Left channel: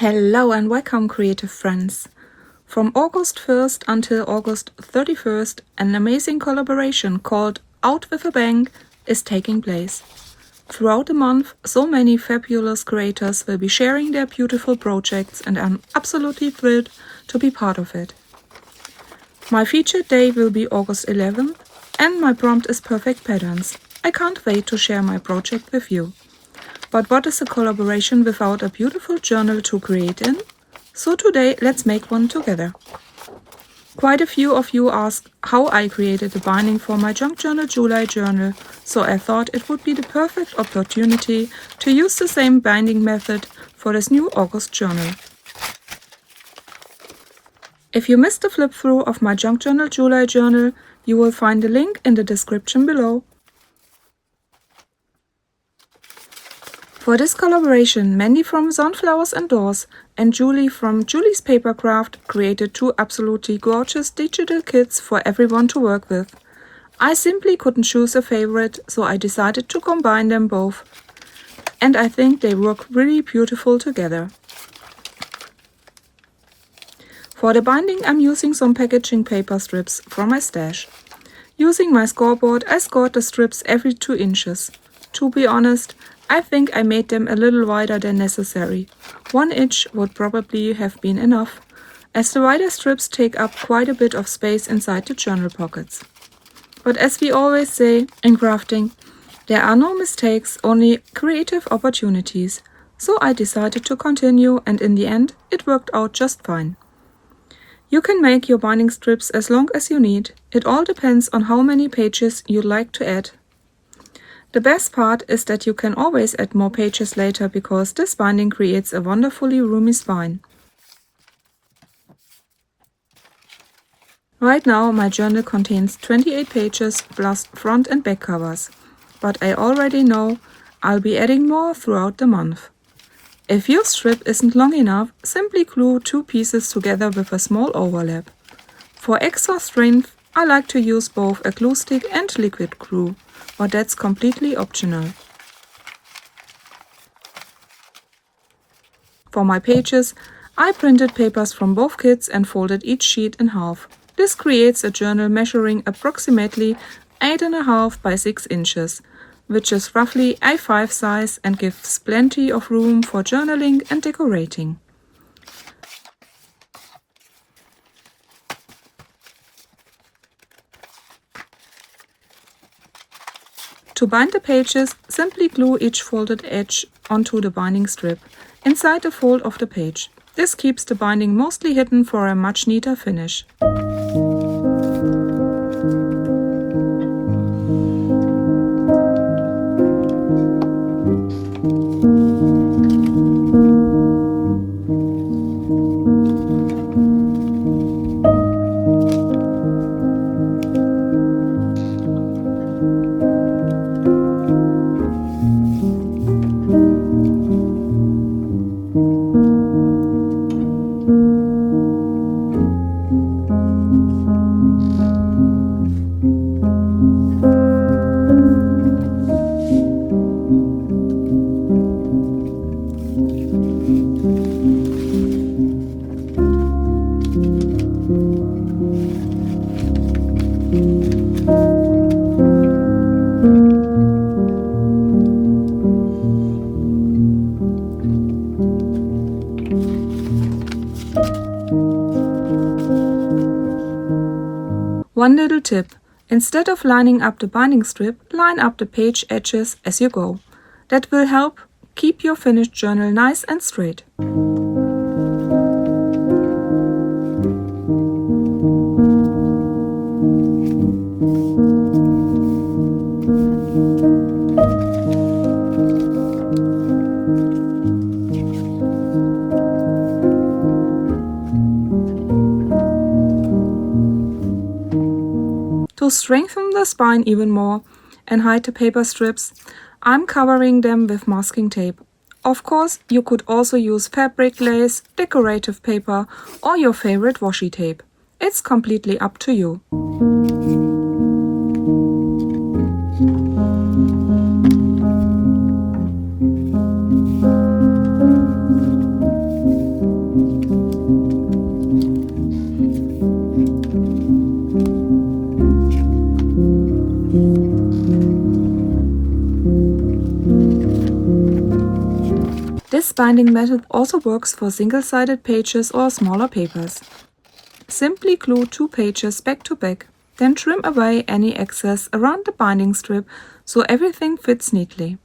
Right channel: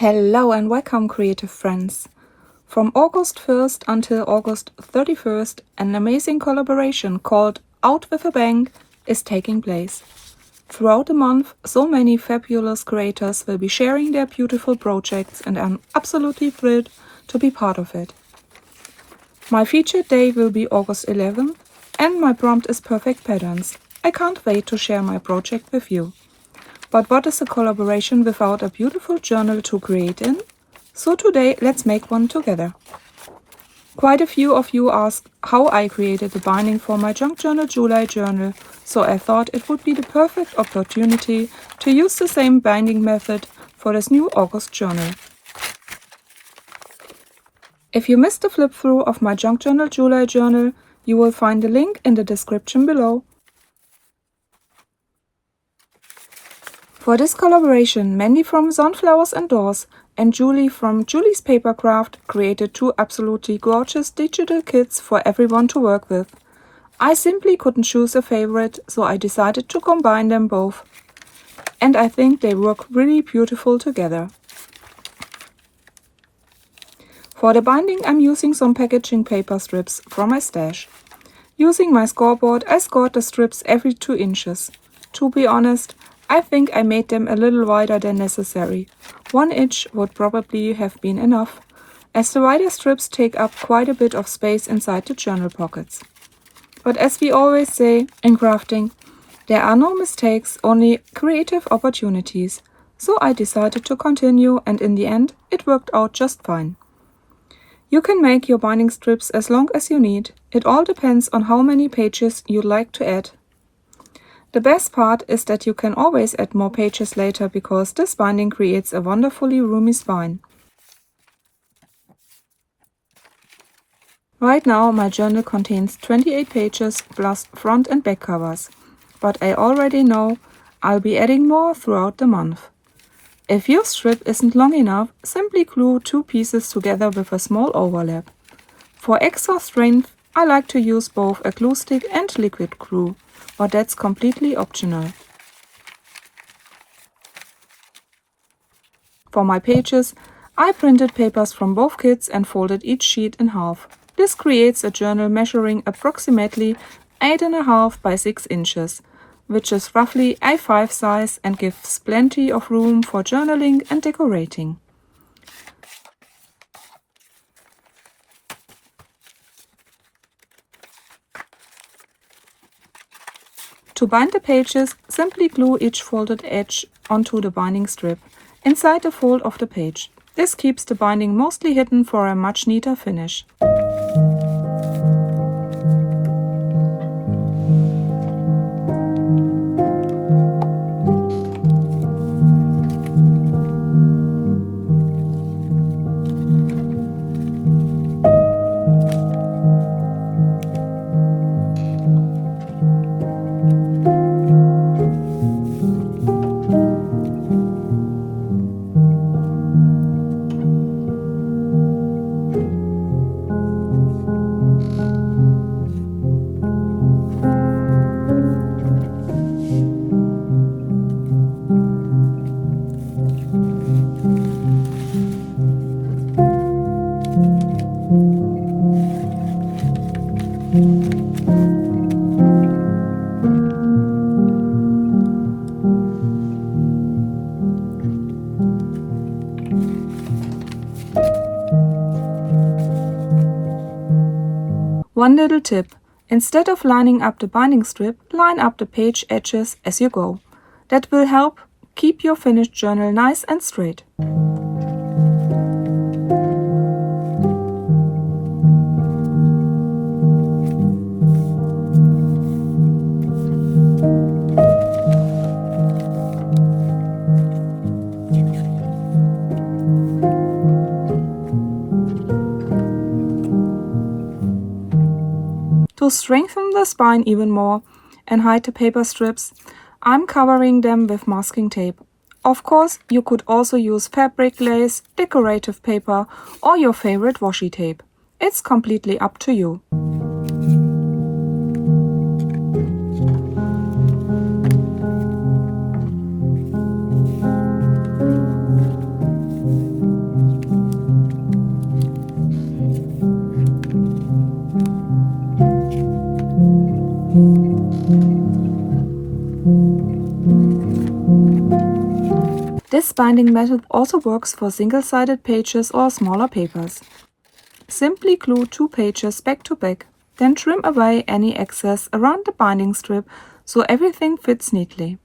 Hello and welcome, creative friends. From August 1st until August 31st, an amazing collaboration called Out with a Bang is taking place. Throughout the month, so many fabulous creators will be sharing their beautiful projects, and I'm absolutely thrilled to be part of it. My featured day will be August 11th, and my prompt is Perfect Patterns. I can't wait to share my project with you. But what is a collaboration without a beautiful journal to create in? So today, let's make one together. Quite a few of you asked how I created the binding for my Junk Journal July journal, so I thought it would be the perfect opportunity to use the same binding method for this new August journal. If you missed the flip through of my Junk Journal July journal, you will find the link in the description below. For this collaboration, Mandy from Sunflowers and Dors and Julie from Julie's Papercraft created two absolutely gorgeous digital kits for everyone to work with. I simply couldn't choose a favorite, so I decided to combine them both. And I think they work really beautiful together. For the binding, I'm using some packaging paper strips from my stash. Using my scoreboard, I scored the strips every 2 inches. To be honest, I think I made them a little wider than necessary. 1 inch would probably have been enough, as the wider strips take up quite a bit of space inside the journal pockets. But as we always say in crafting, there are no mistakes, only creative opportunities. So I decided to continue, and in the end, it worked out just fine. You can make your binding strips as long as you need. It all depends on how many pages you'd like to add. The best part is that you can always add more pages later, because this binding creates a wonderfully roomy spine. Right now my journal contains 28 pages plus front and back covers, but I already know I'll be adding more throughout the month. If your strip isn't long enough, simply glue 2 pieces together with a small overlap. For extra strength, I like to use both a glue stick and liquid glue, but that's completely optional. For my pages, I printed papers from both kits and folded each sheet in half. This creates a journal measuring approximately 8.5 by 6 inches, which is roughly A5 size and gives plenty of room for journaling and decorating. To bind the pages, simply glue each folded edge onto the binding strip, inside the fold of the page. This keeps the binding mostly hidden for a much neater finish. One little tip: instead of lining up the binding strip, line up the page edges as you go. That will help keep your finished journal nice and straight. To strengthen the spine even more and hide the paper strips, I'm covering them with masking tape. Of course, you could also use fabric, lace, decorative paper, or your favorite washi tape. It's completely up to you. This binding method also works for single-sided pages or smaller papers. Simply glue 2 pages back to back, then trim away any excess around the binding strip so everything fits neatly.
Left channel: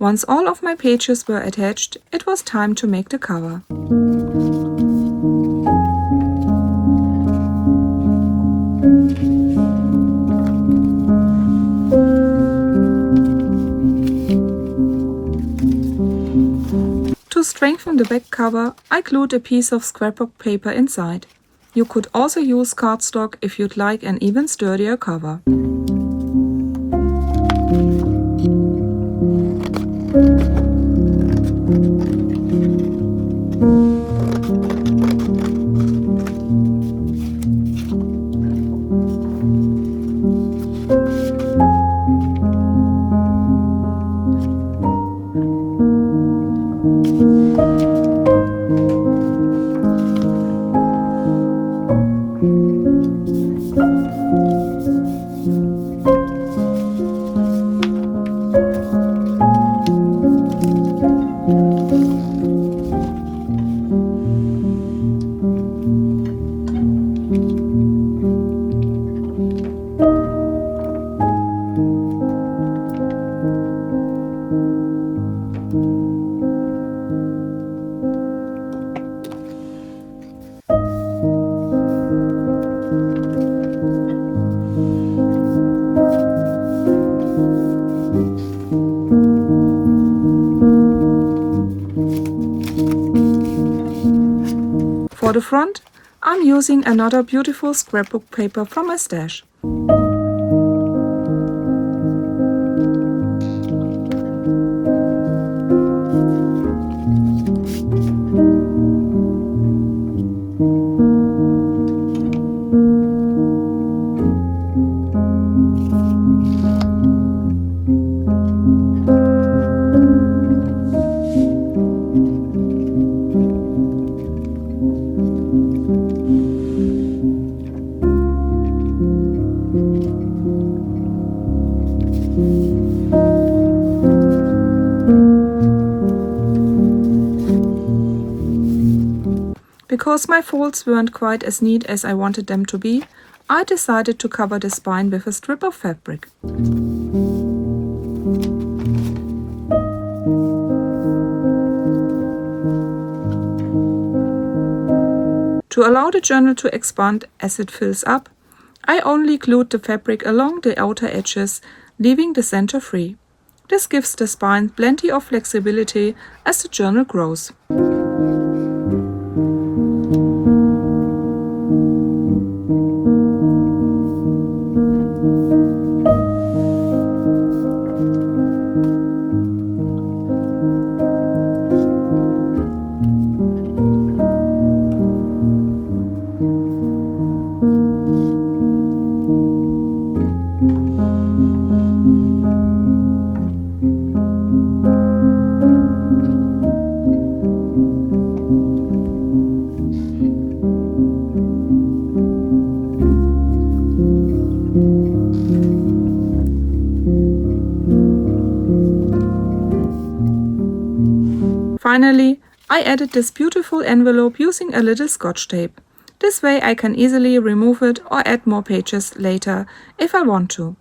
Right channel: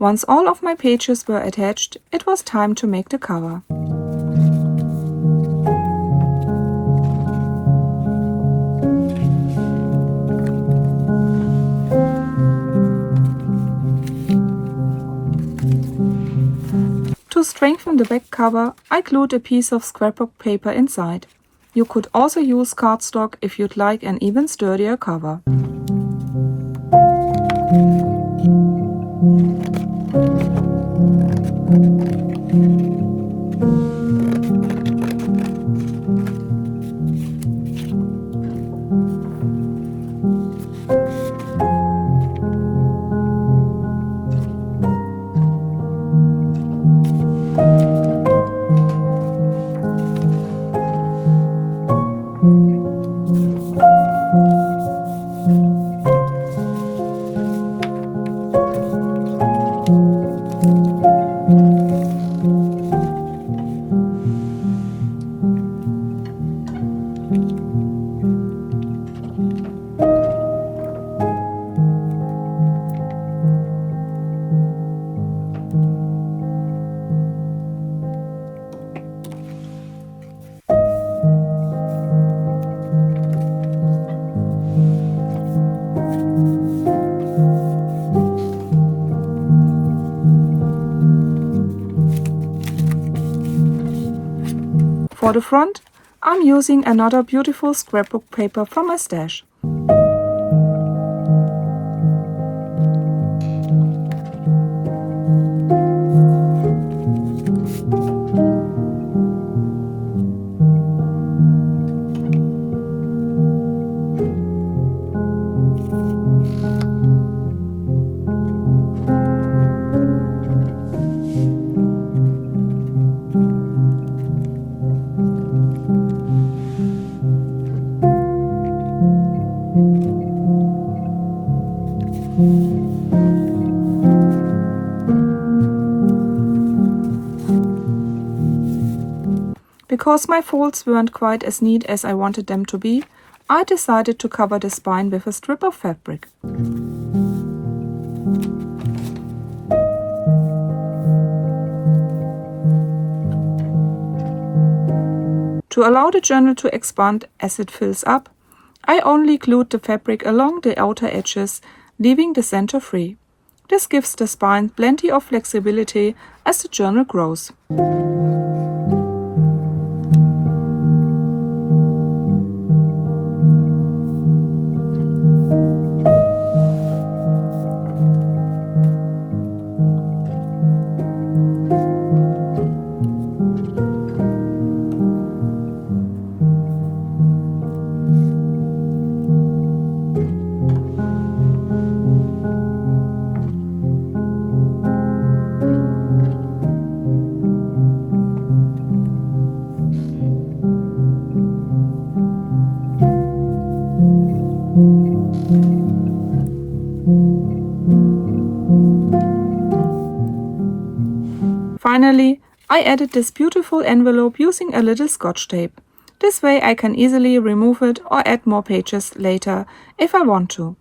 Once all of my pages were attached, it was time to make the cover. To strengthen the back cover, I glued a piece of scrapbook paper inside. You could also use cardstock if you'd like an even sturdier cover. For the front, I'm using another beautiful scrapbook paper from my stash. Because my folds weren't quite as neat as I wanted them to be, I decided to cover the spine with a strip of fabric. To allow the journal to expand as it fills up, I only glued the fabric along the outer edges, leaving the center free. This gives the spine plenty of flexibility as the journal grows. Finally, I added this beautiful envelope using a little scotch tape. This way I can easily remove it or add more pages later if I want to.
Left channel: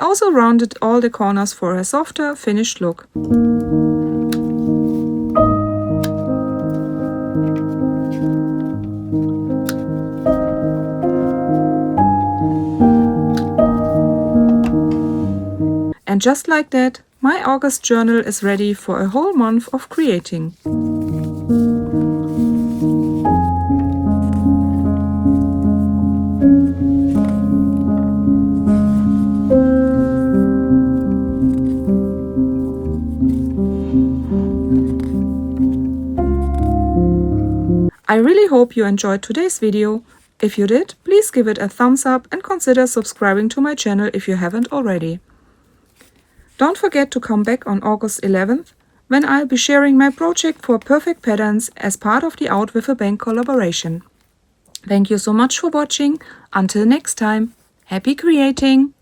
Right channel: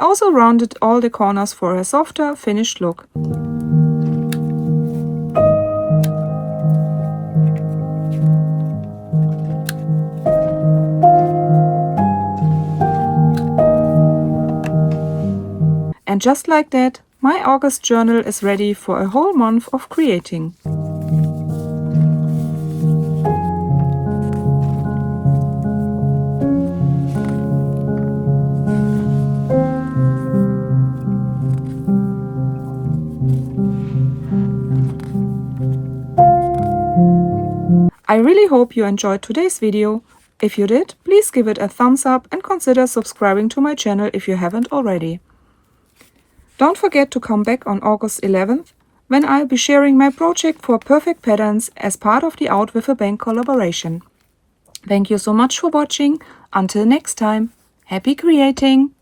also rounded all the corners for a softer, finished look. And just like that, my August journal is ready for a whole month of creating. I really hope you enjoyed today's video. If you did, please give it a thumbs up and consider subscribing to my channel if you haven't already. Don't forget to come back on August 11th, when I'll be sharing my project for perfect patterns as part of the Out with a Bang collaboration. Thank you so much for watching. Until next time, happy creating!